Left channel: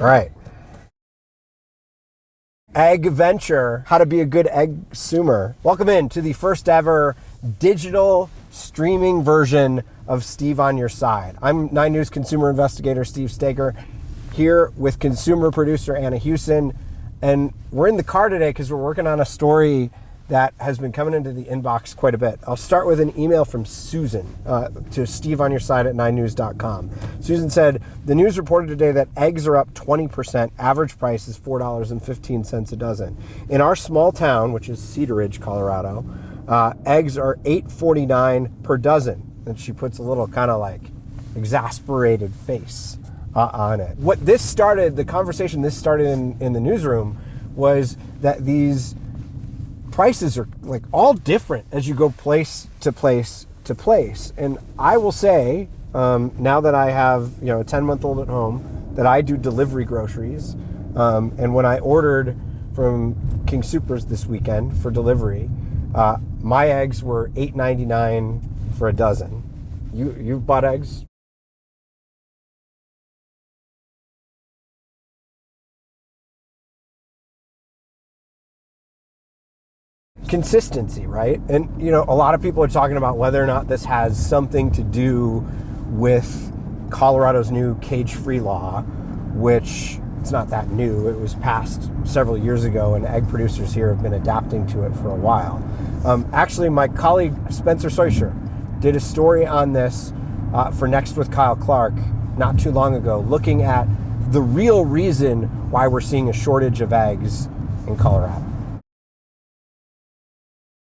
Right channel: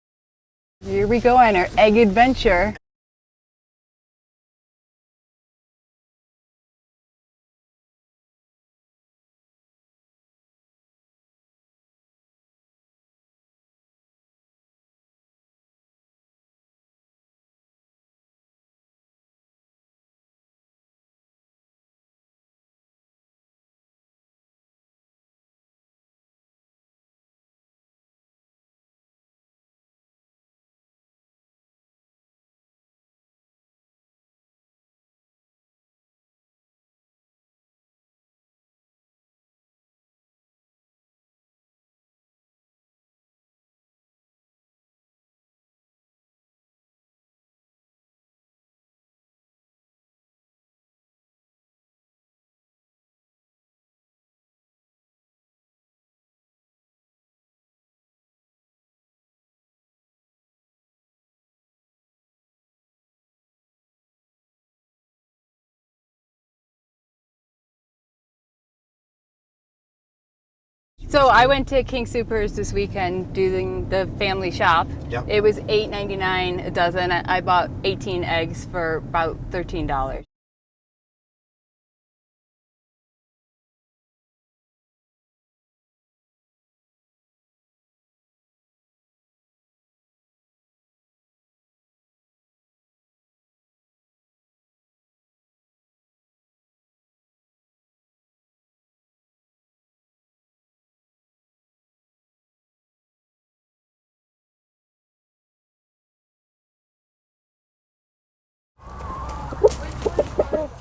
All right. Here we go on our egg adventure. Egg adventure, how to be a good egg-sumer. Welcome in to the first ever digital streaming version of Steve on Your Side. I'm 9 News consumer investigator Steve Staker, here with consumer producer Anna Hewson, and we're in the car today because we're working on a story that has been coming into the inbox quite a bit. I'll start with an email from Susan to stevonyourside@9news.com. Susan said, the news reported today that eggs are up 20%. Average price is $4.15 a dozen. In our small town, which is Cedar Ridge, Colorado, eggs are $8.49 per dozen. And she puts a little kind of like exasperated face on it. What this started, the conversation this started in the newsroom, was that these prices are like all different as you go place to place to place. And I will say, now that I have a 10-month-old at home, that I do delivery groceries. And when I ordered from King Soopers this weekend for delivery, my eggs were $8.99 for a dozen. You've bought eggs? So I went to King Soopers this weekend doing the family shop. Yep. It was $8.99 a dozen. I bought 18 eggs for about $13. Consistency, right? And a lot of people are talking about whether or not this has something to do with Colorado's new cage-free law, which it's not that new. It was passed several years ago, and egg producers here have been adapting to it for a while. Actually, my colleague Spencer Soischer did a story on this for Next with Kyle Clark not too long ago, looking at the real reason why we're seeing a shortage of eggs in Colorado.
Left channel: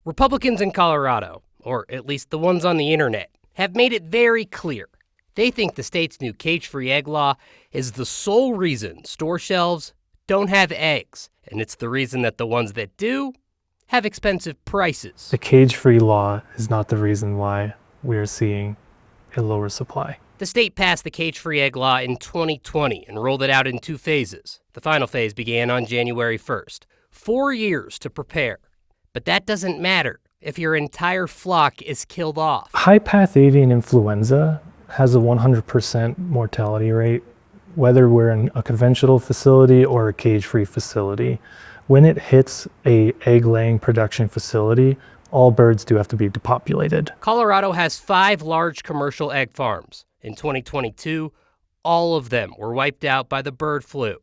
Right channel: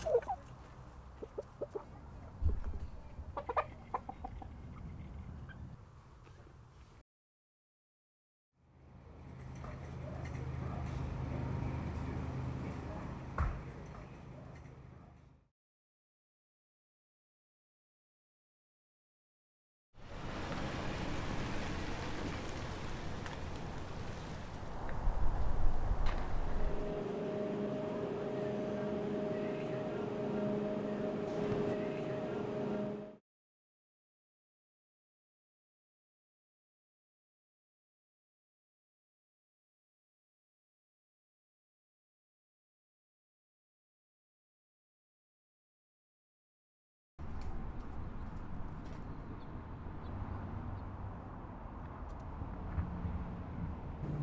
Republicans in Colorado, or at least the ones on the internet, have made it very clear. They think the state's new cage-free egg law is the sole reason store shelves don't have eggs, and it's the reason that the ones that do have expensive prices. The cage-free law is not the reason why we're seeing a lower supply. The state passed the cage-free egg law in 2020 and rolled it out in 2 phases. The final phase began on January 1st. 4 years to prepare. But that doesn't matter if your entire flock is killed off. High-path avian influenza has a 100% mortality rate, whether we're in a conventional facility or a cage-free facility. When it hits a egg-laying production facility, all birds do have to be depopulated. Colorado has 5 large commercial egg farms. In 2022, all of them were wiped out by the bird flu,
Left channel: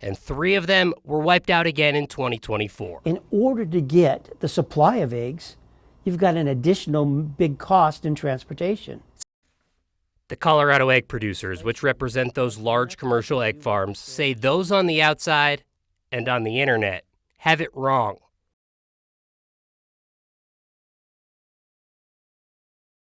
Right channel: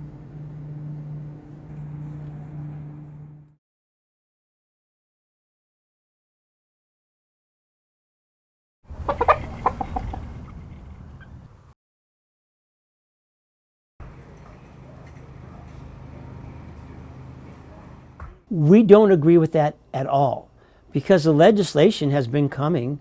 and 3 of them were wiped out again in 2024. In order to get the supply of eggs, you've got an additional big cost in transportation. The Colorado egg producers, which represent those large commercial egg farms, say those on the outside and on the internet have it wrong. We don't agree with that at all, because the legislation has been coming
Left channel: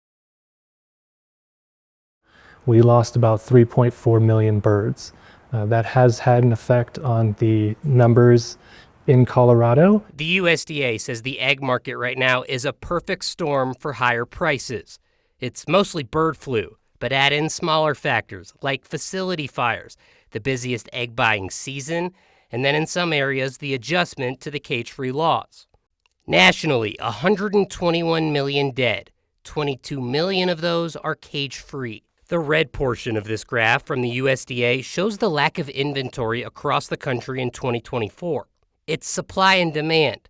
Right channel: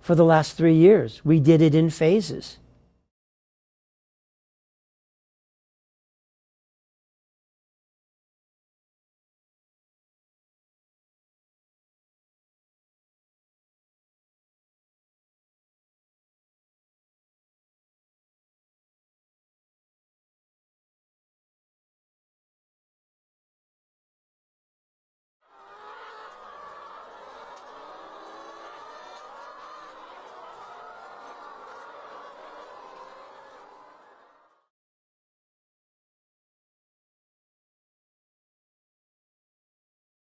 for the last 3 years. We did it in phases. We lost about 3.4 million birds. That has had an effect on the numbers in Colorado. The USDA says the egg market right now is a perfect storm for higher prices. It's mostly bird flu, but add in smaller factors like facility fires, the busiest egg buying season, and then in some areas, the adjustment to the cage-free laws. Nationally, 121 million dead. 22 million of those are cage-free. The red portion of this graph from the USDA shows the lack of inventory across the country in 2024. It's supply and demand.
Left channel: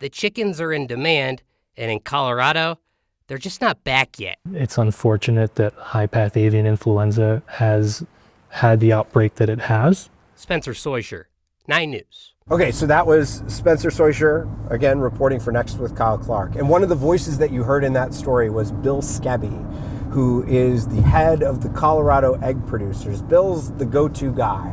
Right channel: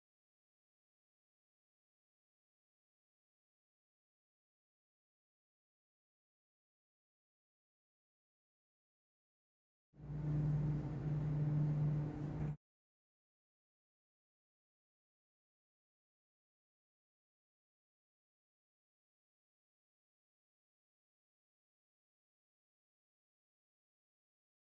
The chickens are in demand, and in Colorado, they're just not back yet. It's unfortunate that high-path avian influenza has had the outbreak that it has. Spencer Soischer, 9 News. Okay, so that was Spencer Soischer, again, reporting for Next with Kyle Clark. And one of the voices that you heard in that story was Bill Skebby, who is the head of the Colorado egg producers. Bill's the go-to guy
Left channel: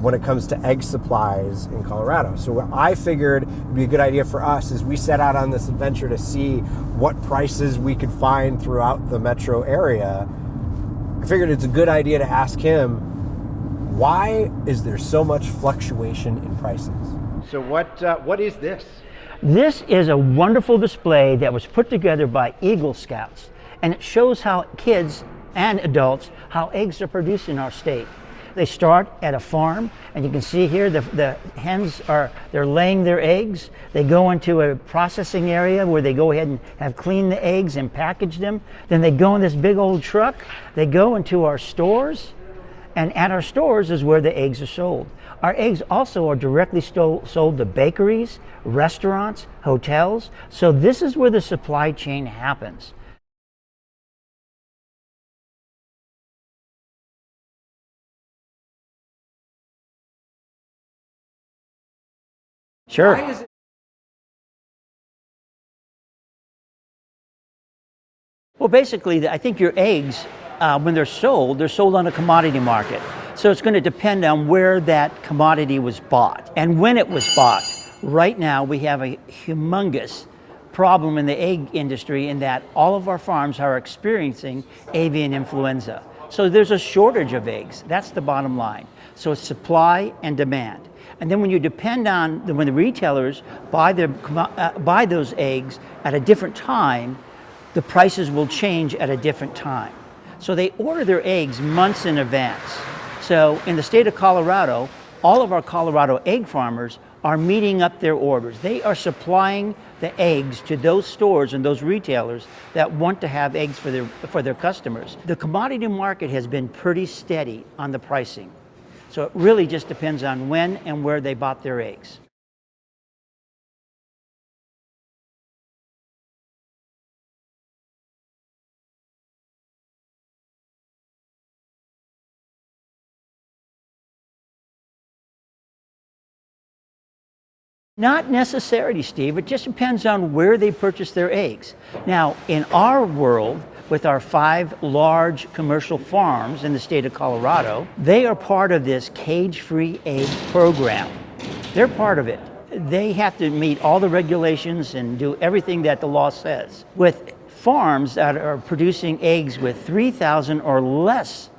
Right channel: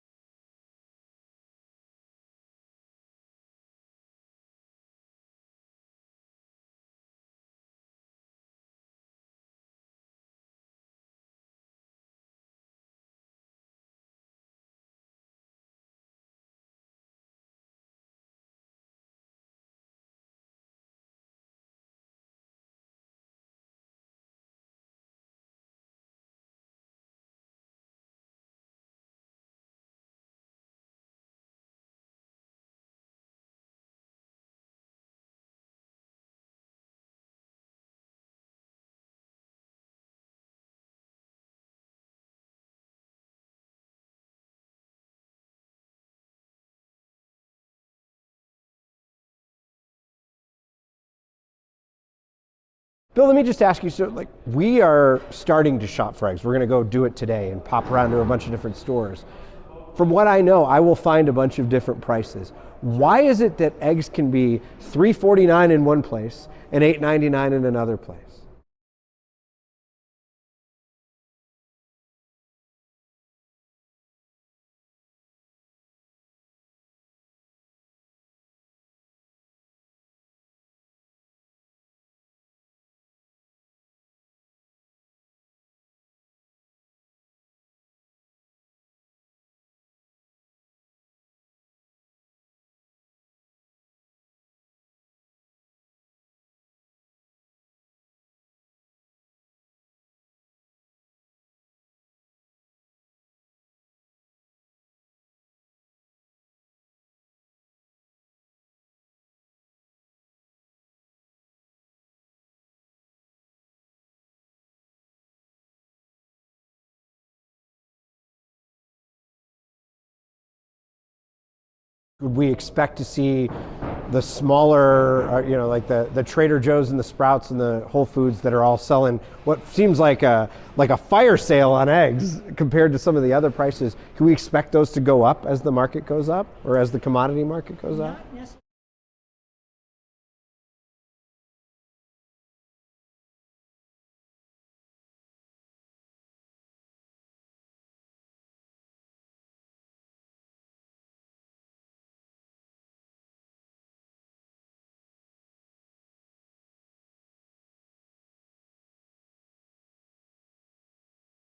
when it comes to egg supplies in Colorado. So what I figured would be a good idea for us as we set out on this adventure to see what prices we could find throughout the metro area. I figured it's a good idea to ask him, why is there so much fluctuation in prices? So what is this? This is a wonderful display that was put together by Eagle Scouts, and it shows how kids and adults, how eggs are produced in our state. They start at a farm, and you can see here the hens they're laying their eggs. They go into a processing area where they go ahead and have cleaned the eggs and package them. Then they go in this big old truck. They go into our stores, And at our stores is where the eggs are sold. Our eggs also are directly sold to bakeries, restaurants, hotels. So this is where the supply chain happens. Bill, let me just ask you, so like we are starting to shop for eggs. We're gonna go do it today and pop around to a bunch of different stores. From what I know, I will find a bunch of different prices. Sure. Why is it that eggs can be $3.49 in one place and $8.99 in another place? Well, basically, I think your eggs, when they're sold on a commodity market. So it's going to depend on where that commodity was bought and when it was bought. Right now, we have a humongous problem in the egg industry in that all of our farms are experiencing avian influenza. So there's a shortage of eggs. That's the bottom line. So it's supply and demand. And then when you depend on, when the retailers buy those eggs at a different time, the prices will change at a different time. So they order their eggs months in advance. So in the state of Colorado, all of our Colorado egg farmers are meeting up their orders. They are supplying the eggs to those stores and those retailers that want to have eggs for their customers. The commodity market has been pretty steady on the pricing. So it really just depends on when and where they bought their eggs. Would we expect to see the smaller, like the Trader Joe's and the Sprouts and the Whole Foods that are all selling what seems like a fire sale on eggs compared to some of the other prices? Can we expect those to go up as the market goes up or as the commodity market goes up? Not necessarily, Steve. It just depends on where they purchase their eggs. Now, in our world, with our 5 large commercial farms in the state of Colorado, they are part of this cage-free egg program. They're part of it. They have to meet all the regulations and do everything that the law says. With farms that are producing eggs with 3,000 or less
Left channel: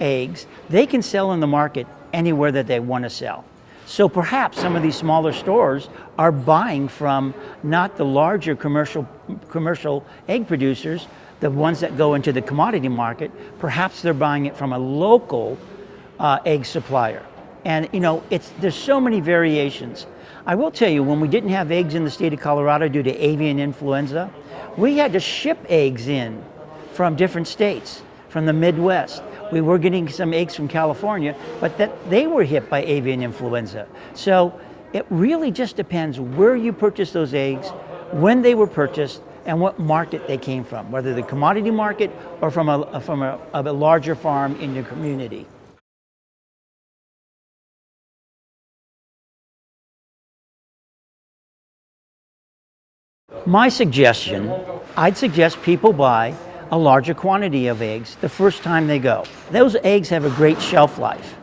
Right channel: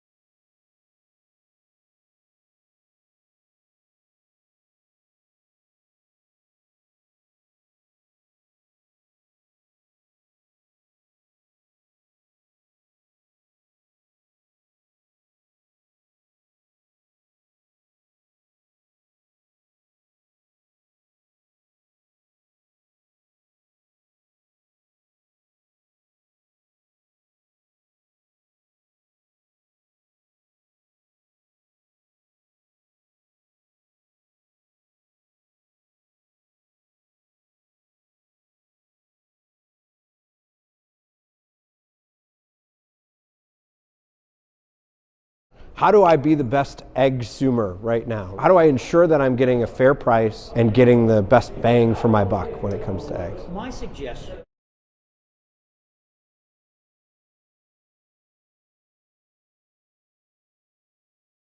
eggs, they can sell in the market anywhere that they want to sell. So perhaps some of these smaller stores are buying from not the larger commercial egg producers, the ones that go into the commodity market. Perhaps they're buying it from a local egg supplier. And there's so many variations. I will tell you, when we didn't have eggs in the state of Colorado due to avian influenza, we had to ship eggs in from different states, from the Midwest. We were getting some eggs from California, but they were hit by avian influenza. So it really just depends where you purchase those eggs, when they were purchased, and what market they came from, whether the commodity market or from a larger farm in your community. How do I be the best egg consumer right now? How do I ensure that I'm getting a fair price and getting the best bang for my buck when it comes to eggs? My suggestion, I'd suggest people buy a larger quantity of eggs the first time they go. Those eggs have a great shelf life,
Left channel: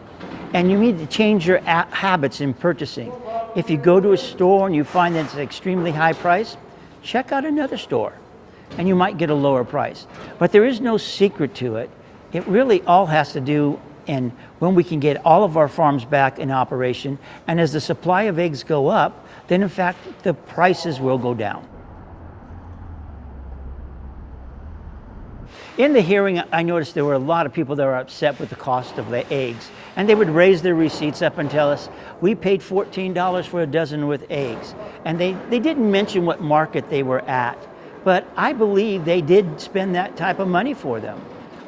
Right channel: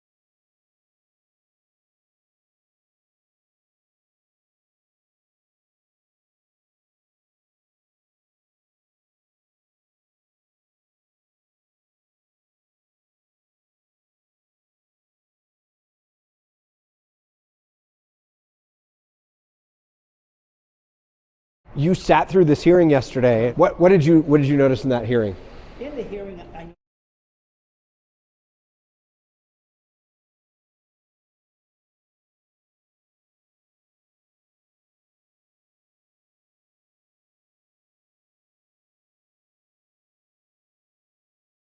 and you need to change your habits in purchasing. If you go to a store and you find that it's an extremely high price, check out another store and you might get a lower price. But there is no secret to it. It really all has to do in when we can get all of our farms back in operation, and as the supply of eggs go up, then in fact the prices will go down. You sat through this hearing yesterday. What did you notice in that hearing? In the hearing, I noticed there were a lot of people that were upset with the cost of the eggs, and they would raise their receipts up and tell us, we paid $14 for a dozen with eggs. And they didn't mention what market they were at, but I believe they did spend that type of money for them.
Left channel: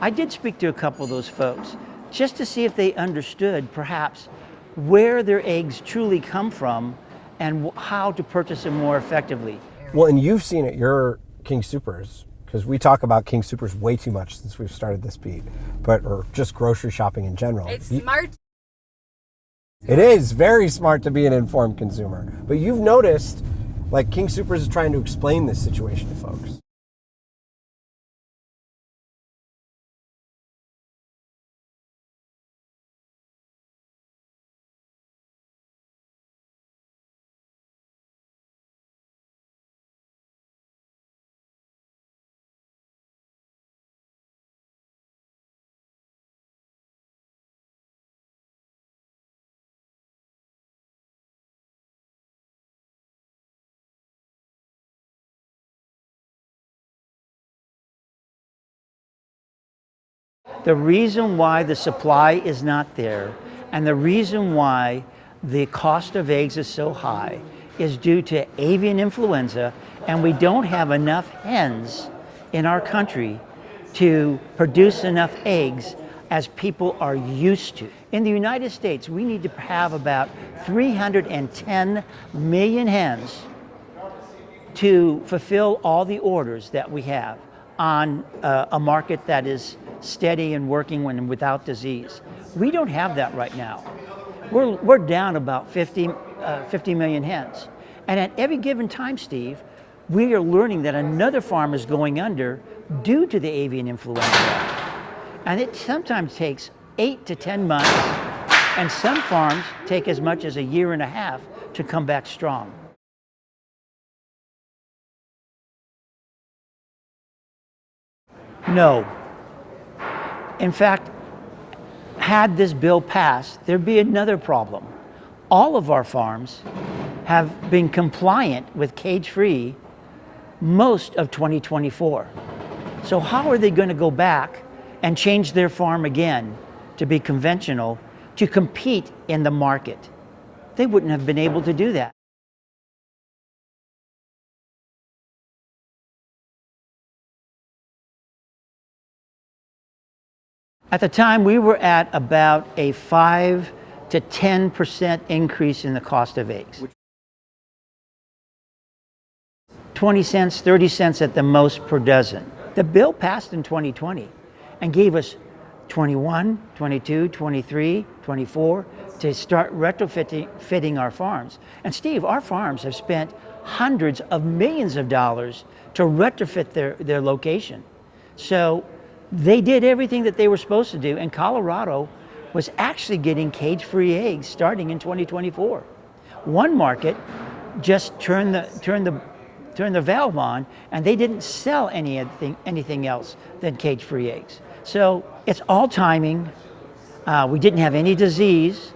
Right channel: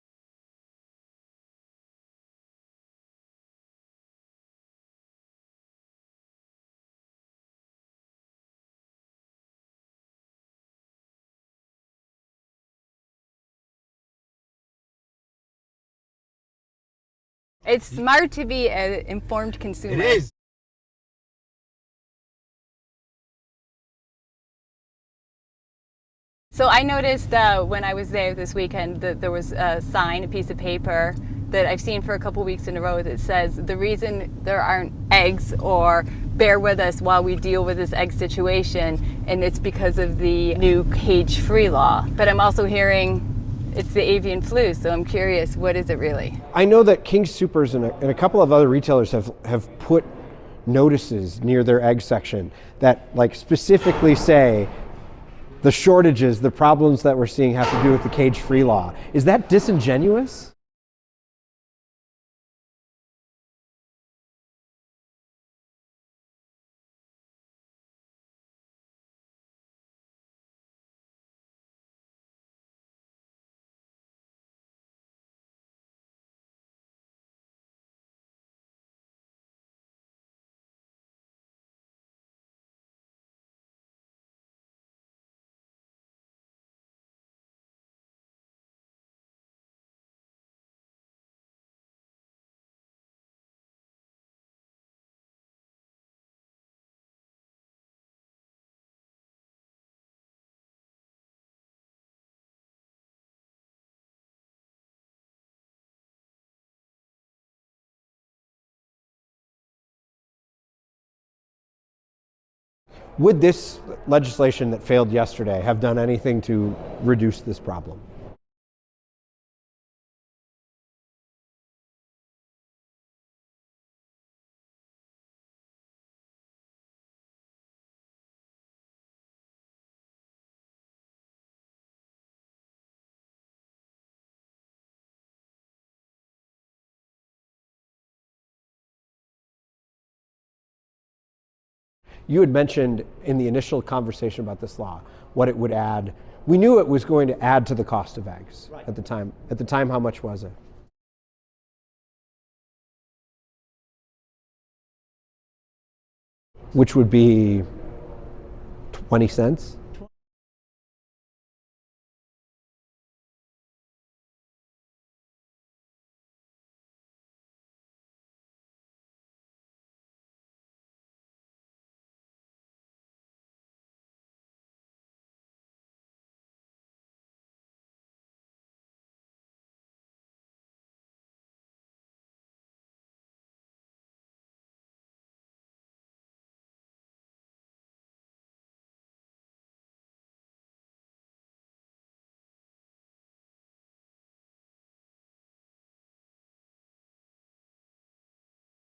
I did speak to a couple of those folks just to see if they understood perhaps where their eggs truly come from and how to purchase them more effectively. Well, and you've seen it, your King Supers, because we talk about King Supers way too much since we've started this beat, or just grocery shopping in general. It's smart to be an informed consumer. It is very smart to be an informed consumer. But you've noticed, like King Supers is trying to explain this situation to folks. So I noticed when I was there this weekend that there was a sign, a piece of paper that I've seen for a couple weeks in a row that says the reason there aren't eggs, or bear with us while we deal with this egg situation, and it's because of the new cage-free law. But I'm also hearing it's the avian flu, so I'm curious, what is it really? I know that King Supers and a couple of other retailers have put notices near their egg section that like specifically say the shortages, the problems that we're seeing have to do with the cage-free law. Is that disingenuous? The reason why the supply is not there and the reason why the cost of eggs is so high is due to avian influenza, and we don't have enough hens in our country to produce enough eggs as people are used to. In the United States, we need to have about 310 million hens to fulfill all the orders that we have on a market that is steady and working when without disease. We don't have that right now. We're down about 50 million hens. And at every given time, Steve, we are learning that another farm is going under due to the avian influenza. And it sometimes takes 8 to 10 months, and some farms take as much as a year and a half to come back strong. Would this legislation that failed yesterday have done anything to reduce this problem? No. In fact, had this bill passed, there'd be another problem. All of our farms have been compliant with cage-free most of 2024. So how are they going to go back and change their farm again to be conventional to compete in the market? They wouldn't have been able to do that. You had mentioned in the initial conversation about this law what it would add. We knew it was going to add to the cost of eggs at the time. At the time, how much was it? At the time, we were at about a 5 to 10% increase in the cost of eggs. Which would be 20 cents? 20 cents, 30 cents at the most per dozen. The bill passed in 2020 and gave us 21, 22, 23, 24 to start retrofitting our farms. And Steve, our farms have spent hundreds of millions of dollars to retrofit their location. So they did everything that they were supposed to do, and Colorado was actually getting cage-free eggs starting in 2024. One market just turned the valve on, and they didn't sell anything else than cage-free eggs. So it's all timing. We didn't have any disease.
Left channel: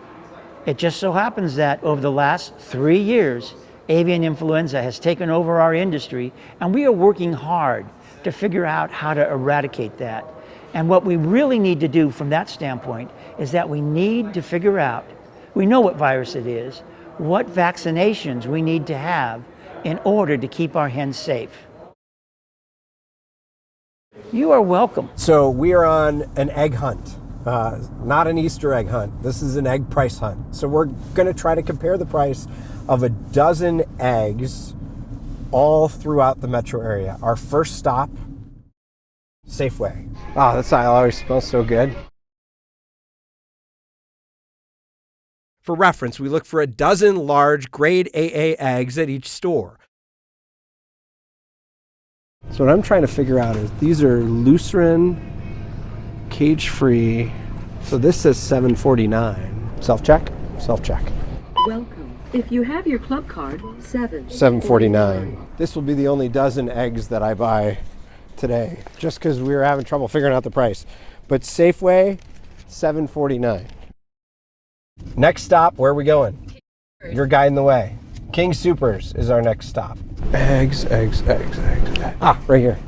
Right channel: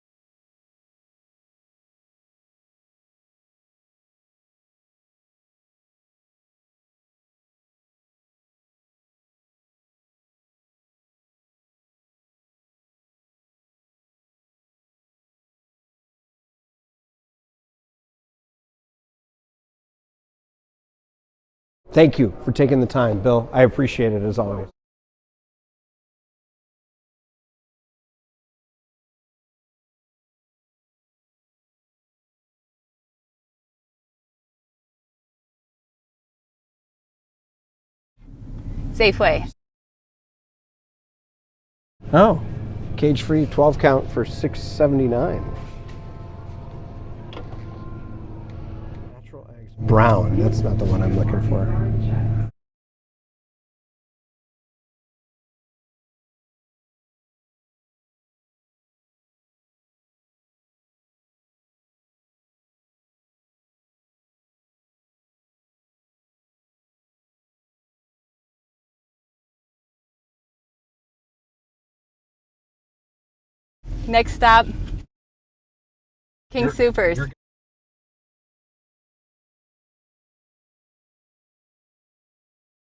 It just so happens that over the last 3 years, avian influenza has taken over our industry, and we are working hard to figure out how to eradicate that. And what we really need to do from that standpoint is that we need to figure out, we know what virus it is, what vaccinations we need to have in order to keep our hens safe. Thank you for taking the time, Bill. I appreciate it as always. You are welcome. So we are on an egg hunt, not an Easter egg hunt. This is an egg price hunt. So we're going to try to compare the price of a dozen eggs all throughout the metro area. Our first stop, Safeway. Oh, that always smells so good. Oh, cage-free 12 count for $6.79. For reference, we look for a dozen large grade AA eggs at each store. Brown, that's not the one I'm looking for. So what I'm trying to figure out is these are Lucerne cage-free. So this says $7.49. Self-check? Self-check. Welcome. If you have your club card, $7.49. This will be the only dozen eggs that I buy today, just because we were having trouble figuring out the price. But Safeway, $7.49. Next stop, where are we going? King Soopers. You're guiding the way. King Soopers is our next stop. Eggs. Ah, right here.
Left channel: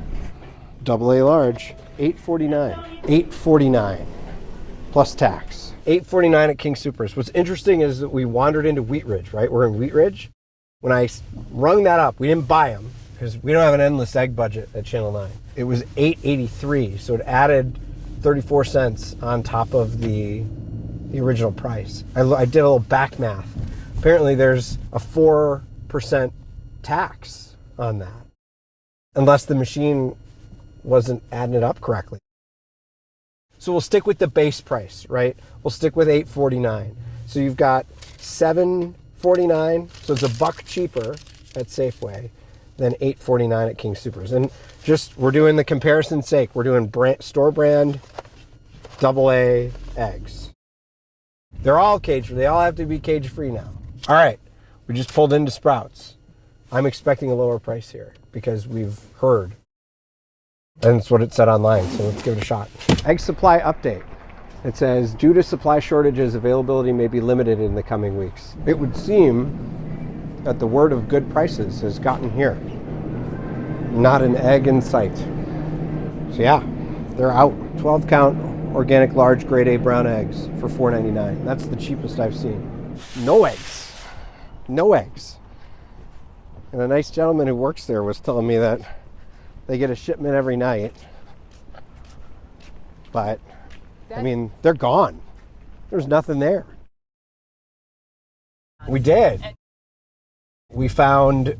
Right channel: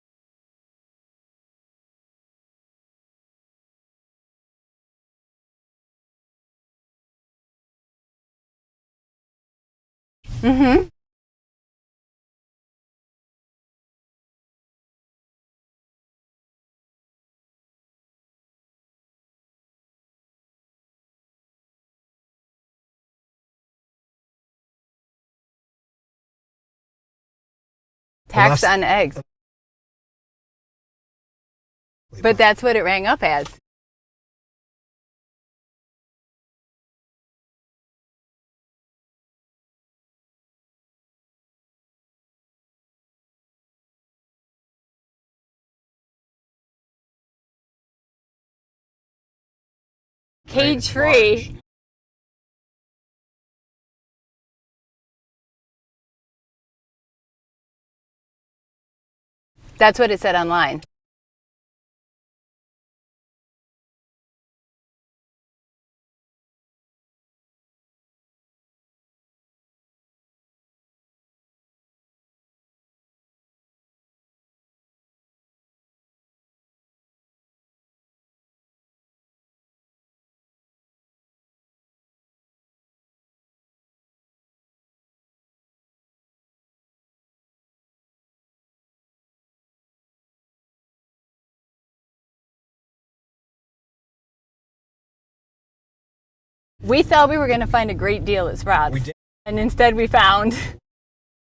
AA large, $8.49. $8.49 plus tax. $8.49 at King Soopers. What's interesting is that we wandered into Wheat Ridge, right? We're in Wheat Ridge. Mm-hmm. When I rung that up, we didn't buy them because we don't have an endless egg budget at Channel 9. It was $8.83, so it added 34 cents on top of the original price. I did a little back math. Apparently there's a 4% tax on that. On eggs. Unless the machine wasn't adding it up correctly. But that's what it rang up as. So we'll stick with the base price, right? We'll stick with $8.49. So you've got $7.49, so it's $1 cheaper at Safeway than $8.49 at King Soopers. And just, we're doing the comparison's sake. We're doing store brand AA eggs. Cage-free. They're all cage-free. They all have to be cage-free now. All right, we just pulled into Sprouts. I'm expecting a lower price here because we've heard. That's what it said online. And it's what it said online, so let's give it a shot. Egg supply update. It says, due to supply shortages, availability may be limited in the coming weeks. It would seem that the word of good prices has gotten here. Not an egg in sight. So yeah, they're out. 12 count organic large grade A brown eggs for $4.99. That's the cheapest I've seen. No eggs. No eggs. And a nice gentleman who works there was telling me that they get a shipment every night. But I mean, they're gone. There's nothing there. We thought we were going to find a great deal at Sprouts. We did. And instead we found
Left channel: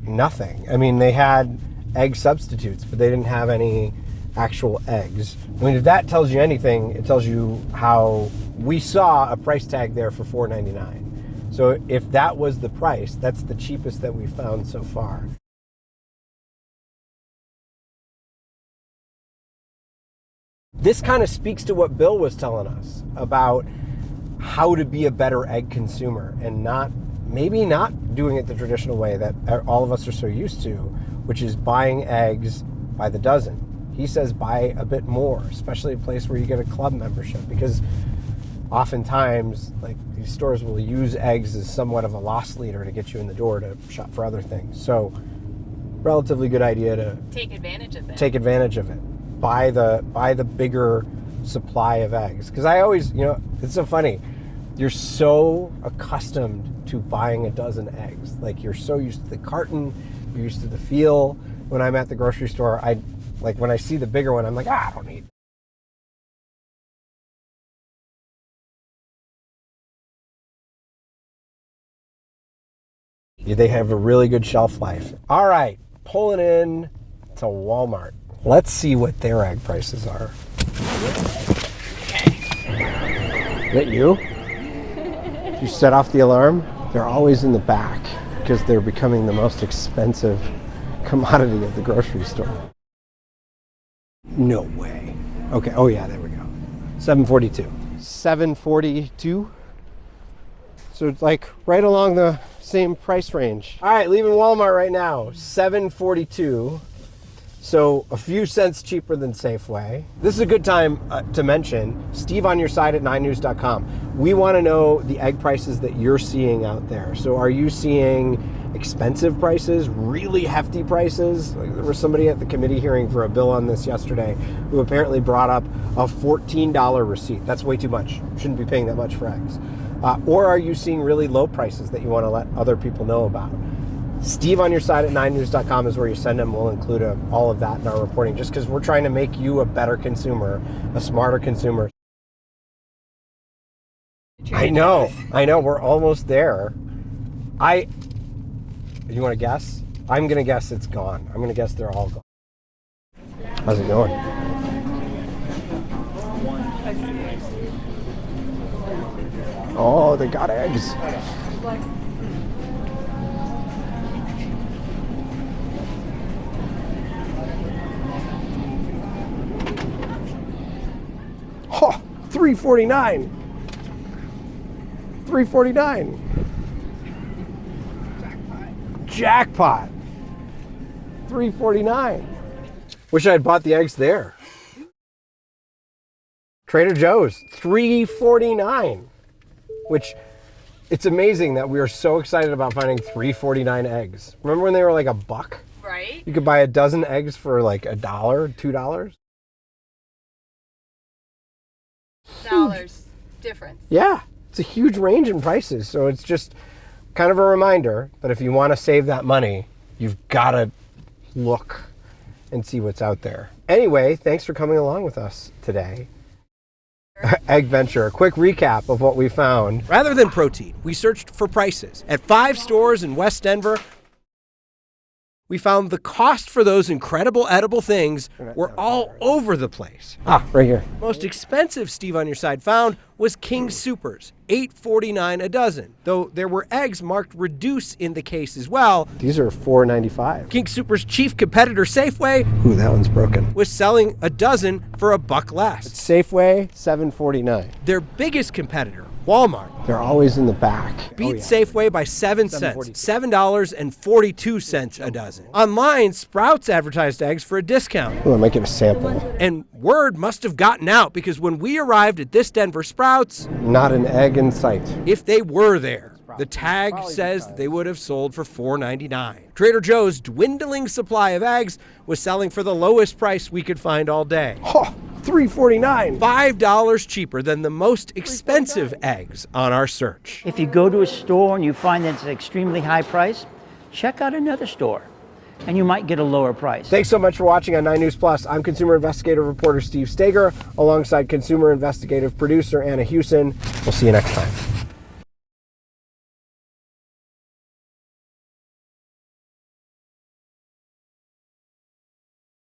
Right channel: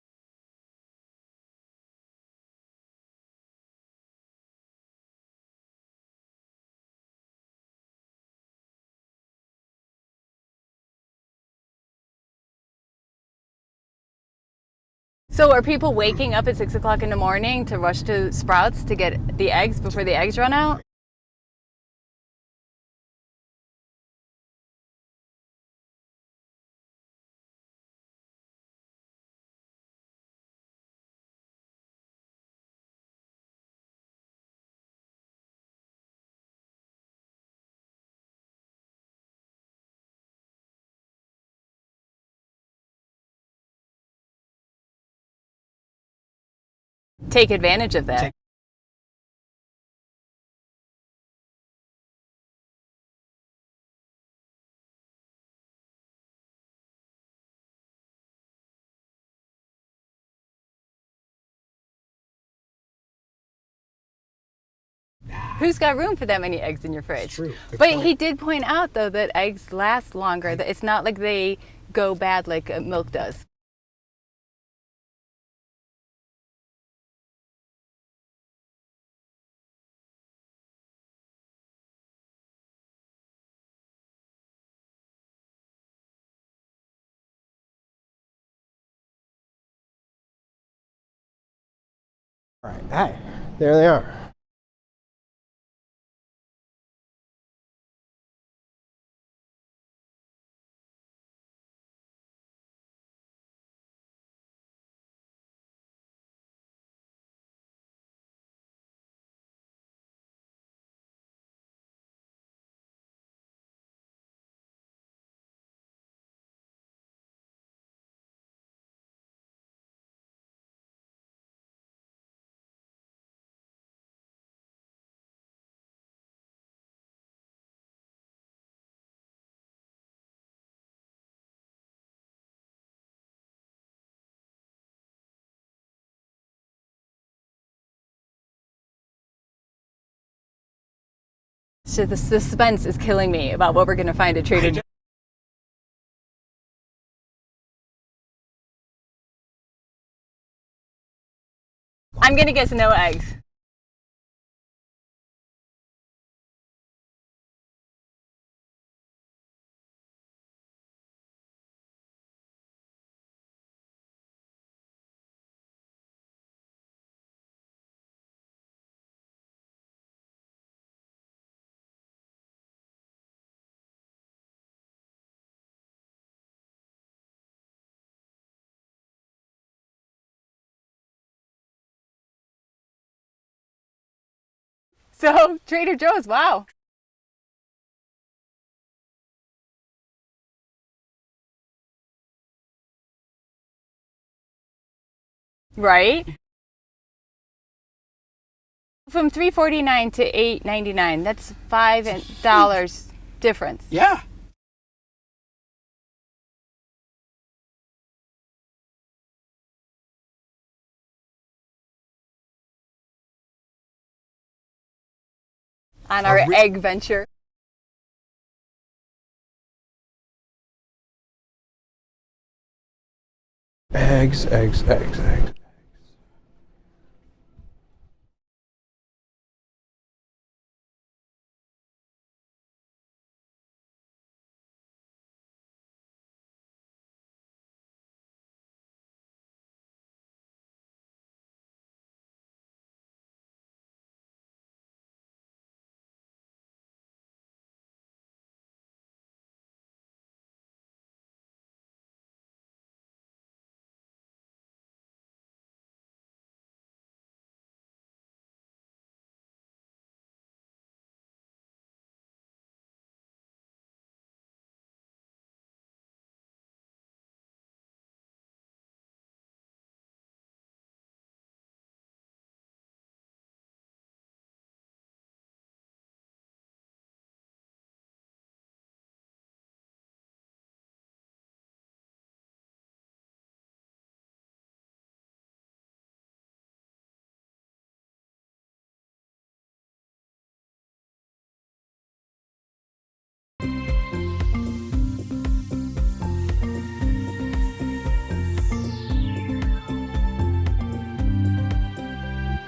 nothing. I mean, they had egg substitutes, but they didn't have any actual eggs. I mean, if that tells you anything, it tells you how we saw a price tag there for $4.99. So if that was the price, that's the cheapest that we found so far. So are people waking up at 6 o'clock in the morning to rush to Sprouts to get the eggs before the eggs run out? This kind of speaks to what Bill was telling us about how to be a better egg consumer and maybe not doing it the traditional way that all of us are so used to, which is buying eggs by the dozen. He says buy a bit more, especially a place where you get a club membership, because oftentimes like these stores will use eggs as somewhat of a loss leader to get you in the door to shop for other things. So relatively good idea to take advantage of that. Take advantage of it. Buy the bigger supply of eggs. Because I always, it's so funny. You're so accustomed to buying a dozen eggs. Like you're so used to the carton, you're used to the feel. When I'm at the grocery store, when I see the bigger one, I'm like, I don't need that. Who's got room for that many eggs in your fridge? It's true. But he did point out, though, that eggs last longer. That it's not like they go bad like milk does. Yeah, they have a really good shelf life. All right, pulling in to Walmart. Let's see what their egg prices are. Is that you? Did you set off the alarm? They're always in the back because they're becoming the most expensive commodity at the grocery store. Right. Hey, there they are. No way. Okay. Oh yeah, there we go. $7.42. $7.42. So it's like right along the same price range. All right, leaving Walmart right now. $7.42. So a few cents cheaper than Safeway. This is a good time to mention Steve on your side at 9news.com. We want to know the egg prices that you're seeing out there. So are you seeing expensive prices, really hefty prices? Like there was somebody at the committee hearing for a bill on this yesterday who apparently brought up a $14 receipt. That's way too much. Shouldn't be paying that much for eggs. Or are you seeing really low prices that you want to let other people know about? Steve on your side at 9news.com is where you send them. We'll include all of that in our reporting just because we're trying to make you a better consumer, a smarter consumer. So the suspense is killing me about what we're going to find at Trader Joe's. I know. We're almost there. You want to guess? I'm going to guess it's gone. I'm going to guess they're all gone. I'm going to guess no eggs. How's it going? Oh, they got eggs. Oh, $3.49. $3.49. Jackpot. $3.49. Wish I had bought the eggs there. So Trader Joe's, wow. Trader Joe's, $3.49. Which, it's amazing that we are so excited about finding $3.49 eggs. Remember when they were like $1? Right. You could buy a dozen eggs for like $1, $2. From $3.49 to $8.99, that's $5 difference. Yeah, it's a huge range in prices. So it's just kind of a reminder that if you want to save that money, you've got to look and see what's out there. Anyway, thanks for coming along with us today. On our egg venture. Egg venture. A quick recap of what we found. Rather than protein, we searched for prices. At 5 stores in West Denver, Eggs. we found the cost for those incredible edible things were all over the place. Right here. Most expensive Steve on your side found was King Soopers, $8.49 a dozen. Though there were eggs marked reduce in the case as well. These are $4.95. King Soopers' chief competitor Safeway Ooh, that one's broken. was selling a dozen for $1 less. Safeway, $7.49. Their biggest competitor, Walmart, They're always in the back. beat Safeway by 7 cents, $7.42 a dozen. Online, Sprouts advertised eggs for a discount. Ooh, I might get a sample. And word must have gotten out because when we arrived at this Denver Sprouts, Not an egg in sight. if they were there, the tag says they would have sold for $4.99. Trader Joe's dwindling supply of eggs was selling for the lowest price we could find all day. Oh, $3.49. $5 cheaper than the most expensive eggs on our search. If you go to a store and you find that it's an extremely high price, check out another store. and you might get a lower price. Thanks so much for watching on 9 News Plus. I'm consumer investigative reporter Steve Steger, alongside consumer investigative producer Anna Hewson. We'll see you next time.